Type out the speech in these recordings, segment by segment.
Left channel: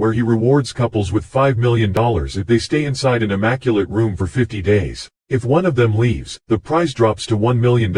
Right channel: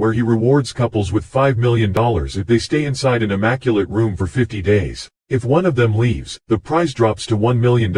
where he rewards couples with $5 million if they stay inside an immaculate room for 50 days. If one of them leaves, the prize drops to $1 million.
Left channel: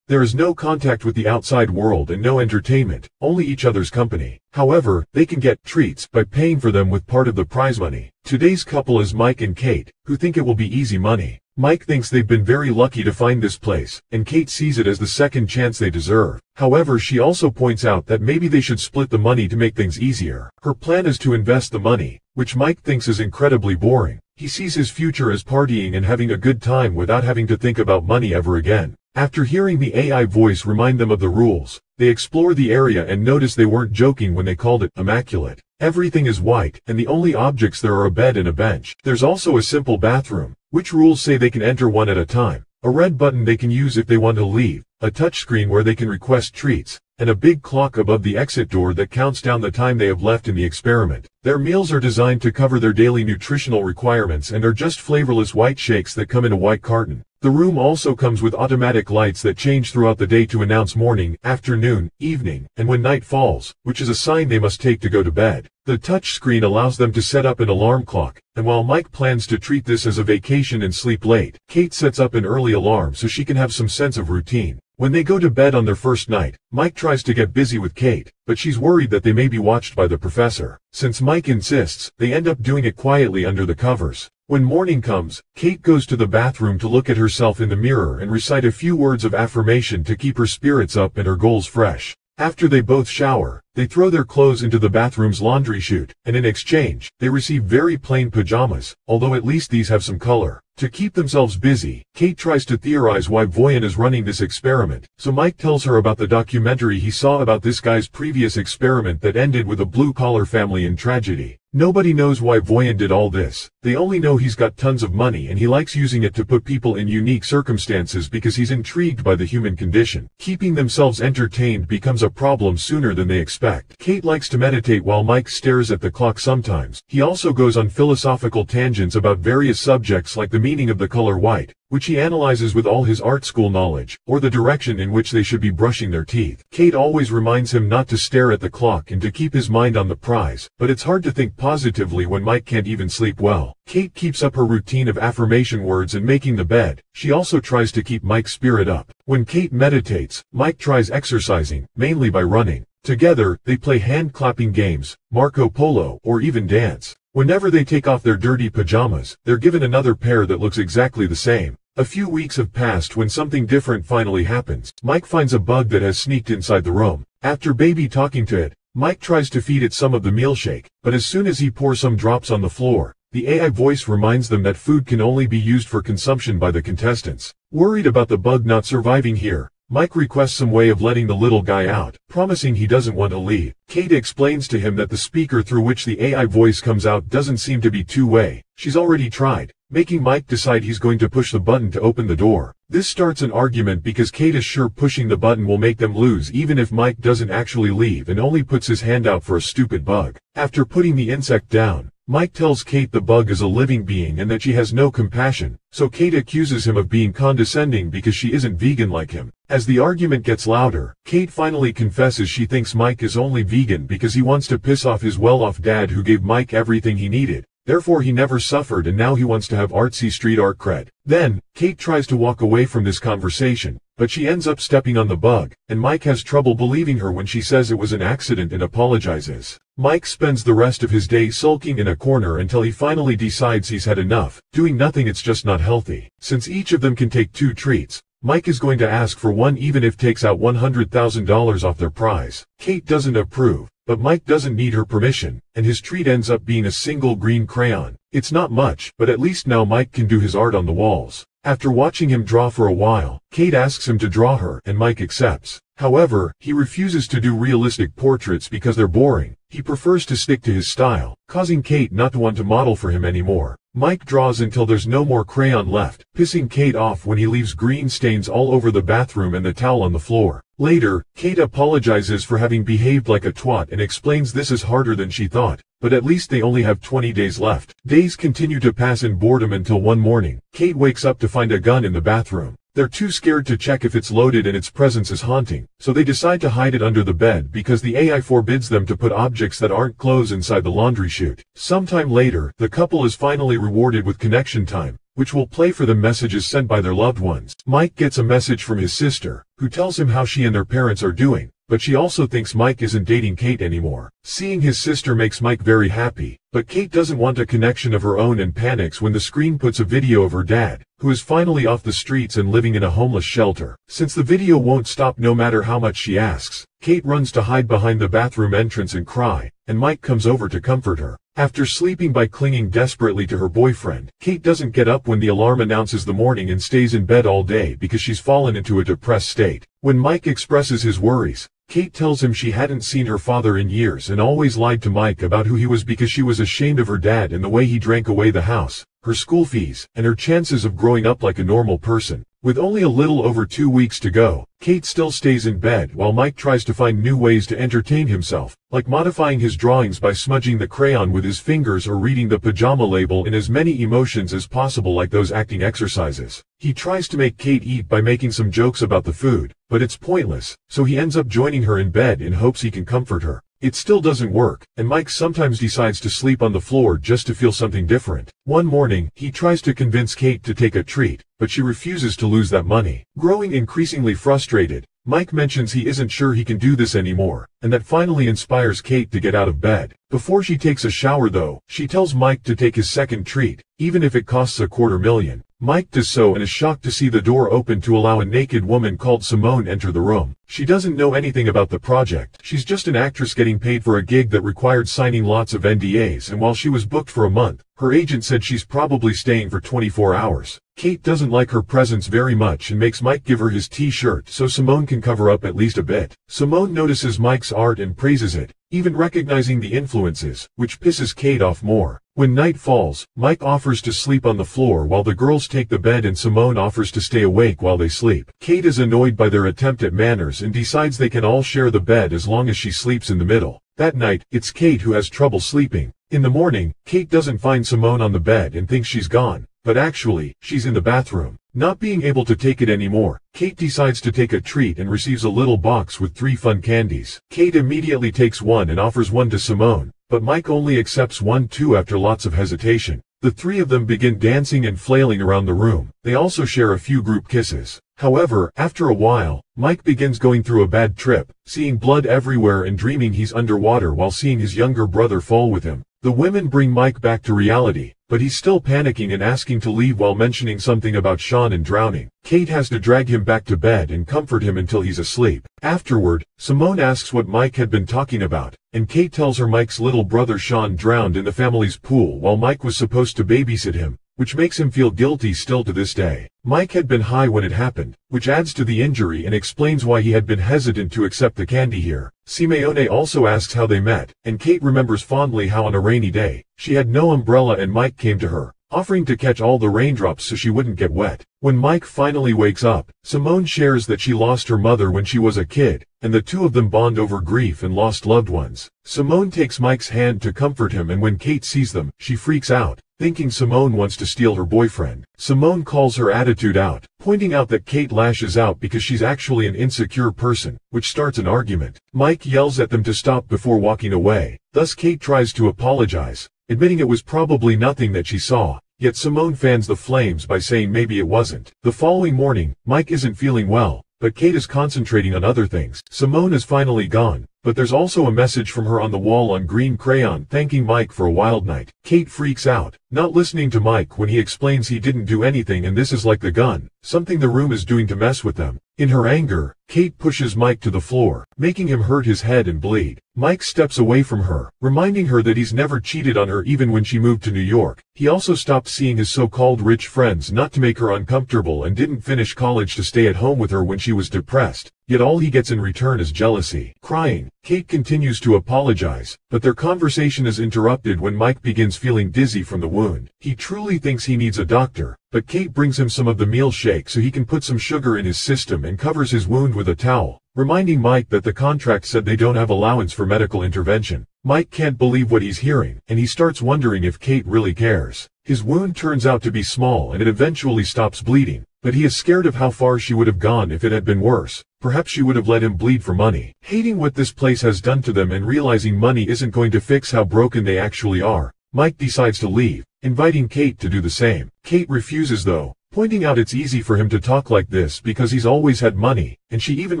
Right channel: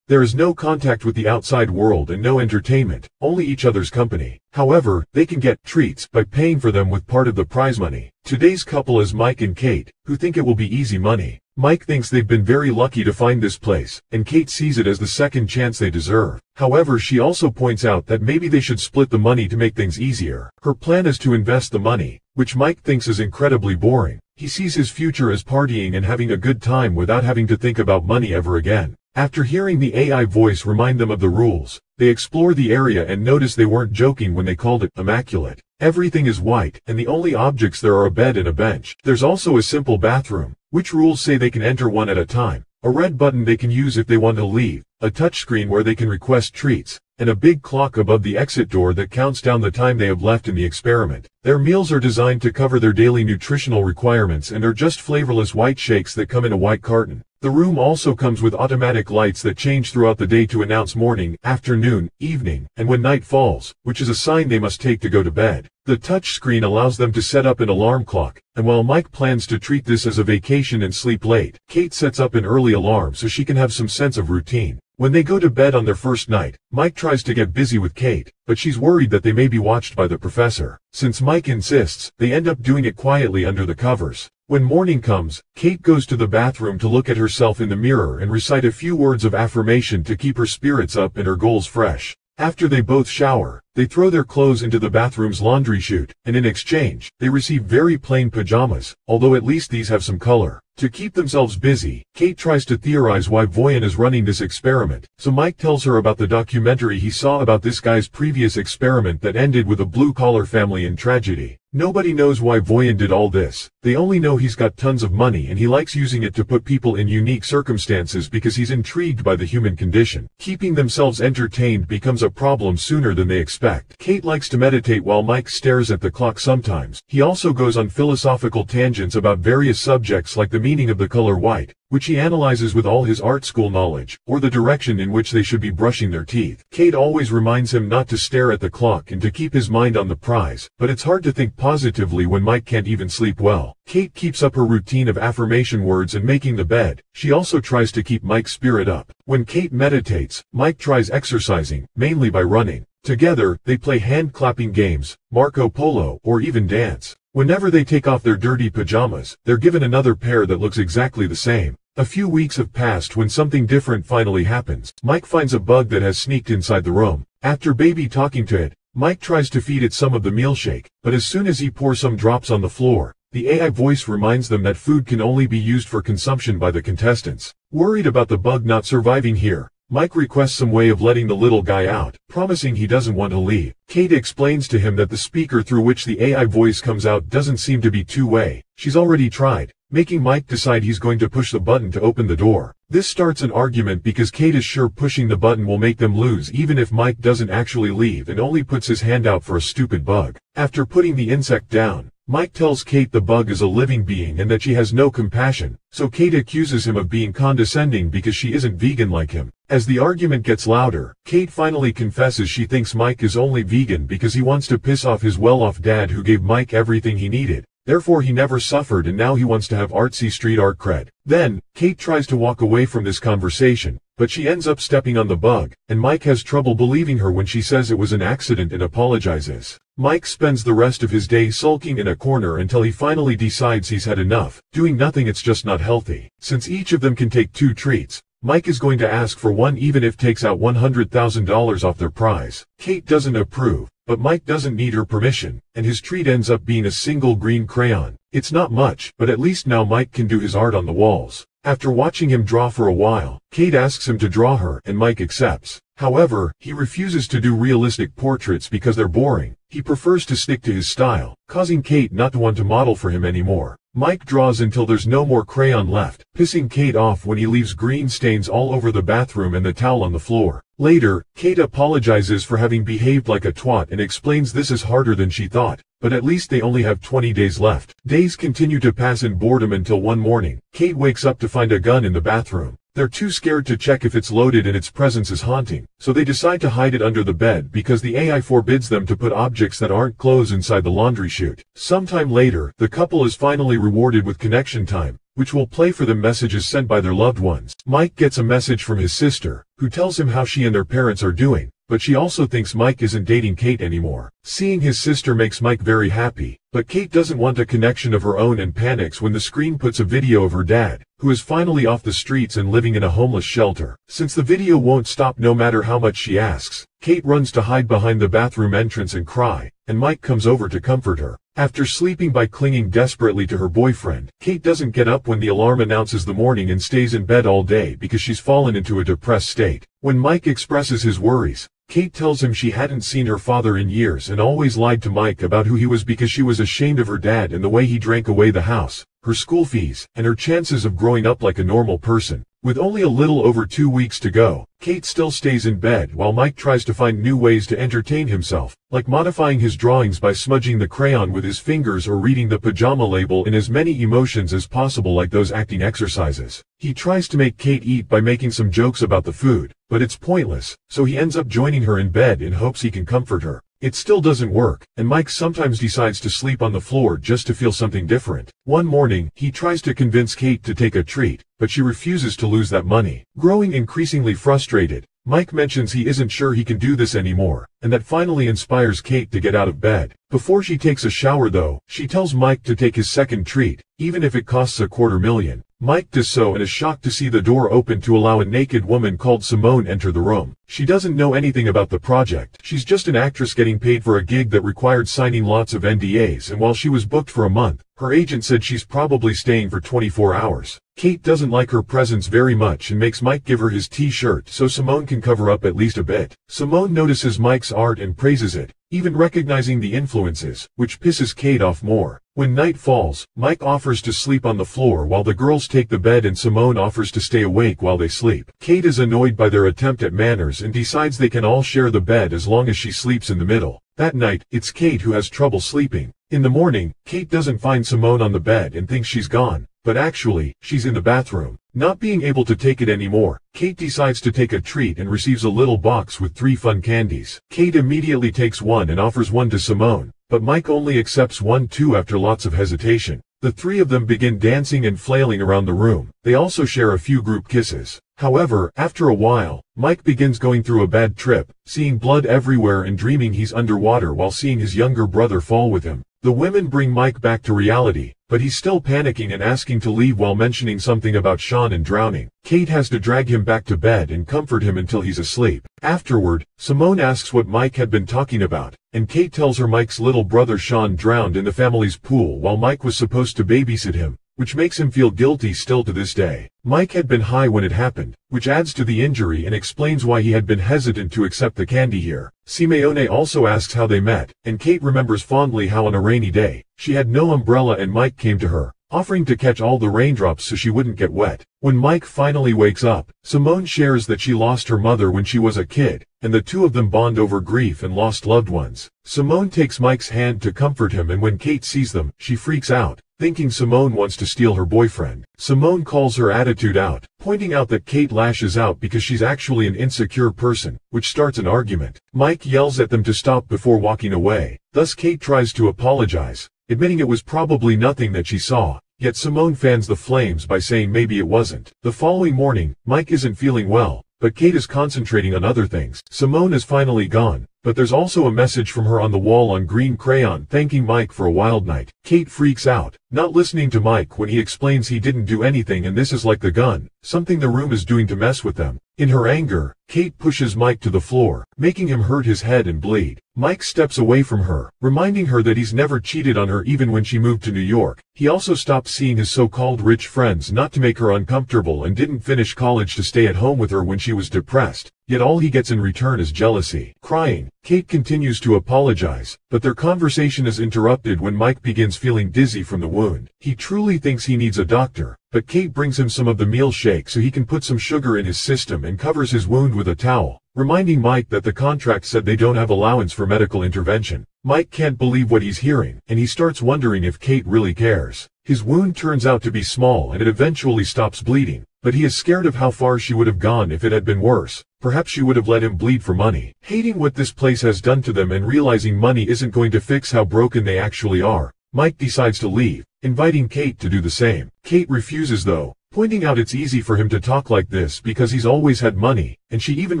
There is no contact with the outside world and no entertainment, only each other's company. However, they can get treats by paying for them with part of the prize money. Today's couple is Mike and Kate, who think it will be easy money. Mike thinks they've been very lucky to find this place, and Kate sees it as the second chance they deserve. However, she also points out that maybe they should split the money to make things easier. Her plan is to invest the money, which Mike thinks is incredibly boring. He sees his future as partying and having a good time without having to think about money ever again. After hearing the AI voice remind them of the rules, they explore the area and notice they weren't joking when they called it Immaculate. Everything is white, and the only objects there are a bed and a bench. There's also a simple bathroom, which rules say they can enter one at a time, a red button they can use if they want to leave, a touchscreen where they can request treats, and a big clock above the exit door that counts down the time they have left in the experiment. Their meals are designed to cover their daily nutritional requirements and are just flavorless white shakes that come in a white carton. The room also comes with automatic lights that change throughout the day to announce morning, afternoon, evening, and when night falls, which is a sign they must take to go to bed. The touchscreen allows them to set up an alarm clock, and while Mike plans to treat this as a vacation and sleep late, Kate sets up an early alarm so she can have some sense of routine. When they go to bed on their first night, Mike tries to get busy with Kate, but she's worried that they may be watched by the professor. Since Mike insists, they end up doing it quietly under the covers. When morning comes, Kate goes to the bathroom to look at herself in the mirror and recite a few words of affirmation to keep her spirits up and her goals fresh. After they both shower, they throw their clothes into the bathroom's laundry chute, and in exchange, they receive very plain pajamas, although at least these have some color. To keep themselves busy, Kate tries to theorize why Voyan is running this experiment, so Mike tells her about the documentary he saw about this guy's previous experiment that ended with a blue-collar family in tragedy. Nobody knows why Voyan did all this. They only know he's got tons of money and he likes using it to put people in unique circumstances because he's intrigued by the human condition. Keeping themselves entertained becomes a problem sooner than they expect. Kate likes to meditate while Mike stares at the clock sometimes. He also goes on philosophical tangents about various subjects like the meaning of the color white, which he analyzes with all his art school knowledge, or the direction in which they should be brushing their teeth. Kate always reminds him not to stare at the clock and to keep his mind on the prize, but it's hard to think positively when Mike can't even sleep well. Kate keeps up her routine of affirmation words and making the bed. She also tries to keep Mike's spirit up. When Kate meditates, Mike tries exercising, mainly by running. Together, they play hand-clapping games, Marco Polo, or even dance. Whenever they take off their dirty pajamas, they're given another pair that looks exactly the same. A few weeks have passed when something different finally happens. Mike finds a bug that has sneaked inside the room. After baby talking to it, Mike tries to feed it some of the milkshake, but as soon as he pours some drops on the floor, the AI voice reminds them that food can only be used for consumption by the contestants. Worried about the bug not surviving here, Mike requests some way of letting the little guy out, promising he doesn't want to leave. Kate explains to him that the speaker through which the AI voice comes out doesn't seem to be two-way. She's already tried, making Mike decide he's going to push the button to open the door. This starts an argument because Kate is sure pushing the button will make them lose even if Mike doesn't actually leave and only puts his hand out for a stupid bug. After putting the insect down, Mike tells Kate the bug is a living being and that she has no compassion, so Kate accuses him of being condescending because she isn't vegan like him. As the argument gets louder, Kate finally confesses she thinks Mike is only vegan because he wants to piss off his well-off dad who gave Mike everything he needed. Therefore he never suffered and now he wants to have artsy street art cred. Then, Kate tries to walk away from this conversation, but she ends up stepping on the bug, and Mike has trouble believing her when she says it was an accident and apologizes. Mike spends the rest of his day sulking in a corner until he finally decides he's had enough. Doing nothing, it's just not healthy. Since each of them can take 2 treats, Mike is going to ask for one even if takes out $100,000 off their prize. Kate doesn't approve, but Mike doesn't need her permission, and his treat ends up being a single green crayon. It's not much, but at least now Mike can do his art on the walls. After watching him draw for a while, Kate asks him to draw her, and Mike accepts. However, he refuses to do realistic portraits because they're boring. He prefers to stick to his style, causing Kate not to want to model for him anymore. Mike draws until there's no more crayon left, pissing Kate off when he leaves green stains all over the bathroom and the towel on the floor. Later, Kate apologizes for having behaved like a twat and explains this is harder than she thought, but at least they only have 20 days left. Days continue to pass in boredom until one morning, Kate wakes up to find a gun in the bathroom. They're too scared to check if it's loaded and its presence is haunting, so they decide to hide it under the bed because the AI forbids them to put objects that aren't clothes inside the laundry chute. Sometime later, the couple is finally rewarded with connection time, which will play for them messages sent by their loved ones. Mike gets a message from his sister, who tells him how she and their parents are doing, but she also thinks Mike isn't dating Kate anymore. Seeing his sister makes Mike very happy, but Kate doesn't want a connection of her own and panics when the screen puts a video of her dad, who is finally off the streets and living in a homeless shelter. Since the video won't stop no matter how much she asks, Kate runs to hide behind the bathroom entrance and cry, and Mike comes over to comfort her. After sleeping by clinging desperately to her boyfriend, Kate doesn't get up when the alarm announces the morning and stays in bed all day because she's fallen into a depressed state. When Mike expresses his worries, Kate tells him she hadn't seen her father in years and always lied to Mike about who he was because she was ashamed of her dad and the way he drank away the house, her school fees, and her chances of growing up like a normal person. With only a little over 2 weeks to go, Kate still stays in bed while Mike tries to find new ways to entertain himself, like modifying his drawings by smudging the crayon with his fingers or reading the pajama label in as many emotions as possible like those acting exercises. He tries to make Kate eat by making some jokes about the food, but it's pointless, so he ends up joining her in bed in hopes he can comfort her. It still doesn't work, and Mike sometimes decides to sleep on the floor just to feel something different. One morning, he tries to convince Kate to take a treat, but she refuses to lose that money. Growing increasingly frustrated, Mike mentions he isn't sure he can do this anymore, and that finally inspires Kate to get out of bed. Before she takes a shower though, she tells Mike to take his second treat, even if it costs $250,000. Mike does so and is shocked to see the door open to allow a naked woman called Simone enter the room. She doesn't know anything about the project. She's just an actress getting paid for a gig that required signing lots of NDAs, and while she was booked for a month, her agent said she's probably staying for 24 hours. Kate doesn't like her presence very much and makes Mike give her his t-shirt so Simone can cover up at least a bit. Simone notices Mike's art and praises it, even recognizing the influences, which pisses Kate off more. When night falls, Mike offers to sleep on the floor while the girls take the bed and Simone offers to stay awake while they sleep. Kate is annoyed by their attempt at manners and decides they can all share the bed as long as she sleeps in the middle. That night, it's Kate who has trouble sleeping. In the morning, Kate doesn't find Simone on the bed and thinks she's gone, but actually, she's in the bathroom. Not being able to take it anymore, Kate decides to take a treat and receives a little box with 3 fun candies. Kate immediately takes one and offers one to Simone, but Mike only accepts one too after lots of hesitation. The 3 of them begin dancing and flailing around the room. They also share a few group kisses. However, after a while, Mike begins going through a bad trip, seeing blood everywhere and dreaming he's underwater while seeing his younger brother fall with him. The women bring Mike back to reality, but he's still panicking and asking to leave while mentioning something about Sean and drowning. Kate has to drag him back to bed and comfort him until he's asleep. Afterward, Simone asks what Mike had been talking about, and Kate tells her Mike's little brother Sean drowned in the family's pool while Mike was supposed to babysit him, which makes him feel guilty still to this day. Mike had been high when it happened, which adds to the injury and explains why he had been hesitant to accept the candy here. Simeone also asks how they met, and Kate remembers fondly how on a rainy day, she had no umbrella and Mike came to her, offering to catch all the raindrops so she wouldn't get wet. When Mike finally wakes up, Simone shares that she lost her mother when she was a kid, and the 2 of them bond over grief and lost loved ones. Simone takes Mike's hand to comfort him, and when Kate sees them, she freaks out, thinking Simone wants to steal her boyfriend. Simone calls her attitude out, pointing out that Kate lashes out because she's actually an insecure person, which starts an argument. Mike yells at them to stop before walking away. Thus Kate tries to apologize, admitting it was probably nothing that she saw. Yet Simone fans the flames by saying maybe it wasn't. The following morning, Mike isn't feeling well, but Kate is concentrating on other things. Simone is finally gone, but there's also a message from her on the wall on green crayon thanking Mike for a wild night. Kate freaks out, not listening to Mike when he explains he didn't do anything and this is like the gun, something the room is doing to mess with them. In her anger, Kate pushes Mike to the floor, making him hurt his head and bleed. Mike steps away from her, reminding her that he's never cheated on her even when she moved to New York. He also stopped seeing his so-called rich friends not to make her uncomfortable and didn't finish college to stay at home with her when she was depressed. Yet all he gets in return is jealousy. Crying, Kate continues to apologize, but their conversation is interrupted when Mike begins feeling dizzy from the wound. He truly thinks he needs a doctor, but Kate brings him some of the meal shake so he can put some sugar in his system and covers his wound with a towel, reminding Mike that the contract said they don't have allowance for medical intervention. Mike can't believe what he's hearing, and he starts wondering if Kate really cares. His wound turns out to be small and it eventually stops bleeding, but he is scared of how far she would have gone if it had been worse. Perhaps she would have let him bleed for money. Hating what this place has done to them and realizing money isn't going to fix how broken they actually are, Mike decides to leave, inviting Kate to do the same. Kate refuses though, pointing out it's easy for him to talk like this because he's always had money, and she even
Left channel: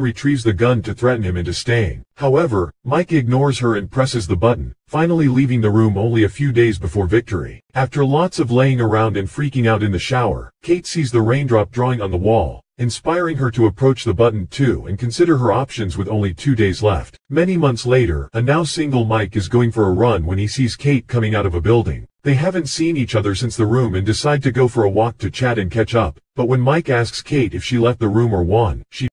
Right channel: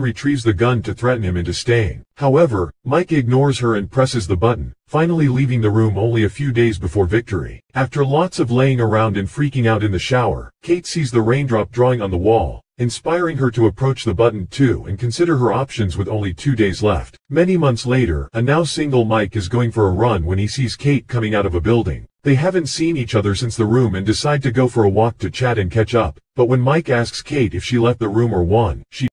retrieves the gun to threaten him into staying. However, Mike ignores her and presses the button, finally leaving the room only a few days before victory. After lots of laying around and freaking out in the shower, Kate sees the raindrop drawing on the wall, inspiring her to approach the button too and consider her options with only 2 days left. Many months later, a now single Mike is going for a run when he sees Kate coming out of a building. They haven't seen each other since the room and decide to go for a walk to chat and catch up, but when Mike asks Kate if she left the room or won, she